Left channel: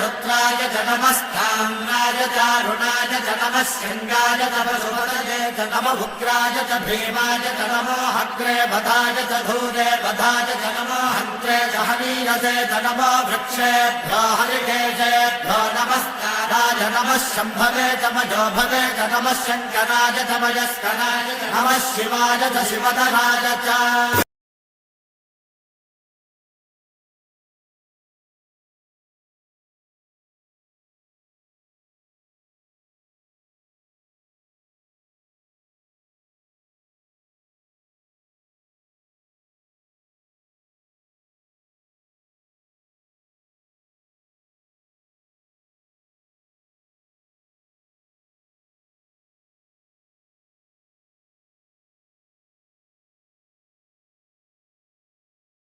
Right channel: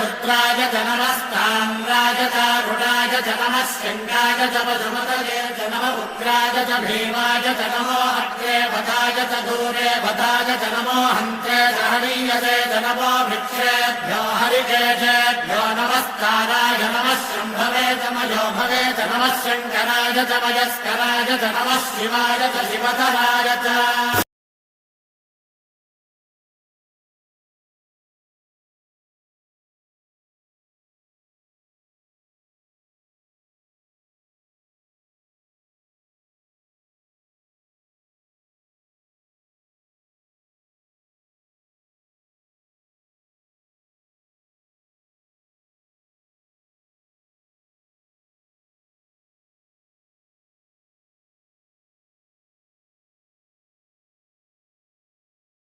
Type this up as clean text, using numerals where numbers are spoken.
रुद्राय च नमस्ताम्राय च रुणाय च नमः शृङ्गाय च पशुपतये च नम उग्राय च भीमाय च नमो अग्रे वधाय च धूरे वधाय च नमो हन्त्रे च हनीयसे च नमो वृक्षेभ्यो हरिकेशेभ्यो नमस्काराय नमः शम्भवे च मयोभवे च नमः शङ्कराय च मयस्कराय च नमः शिवाय च शिवधराय च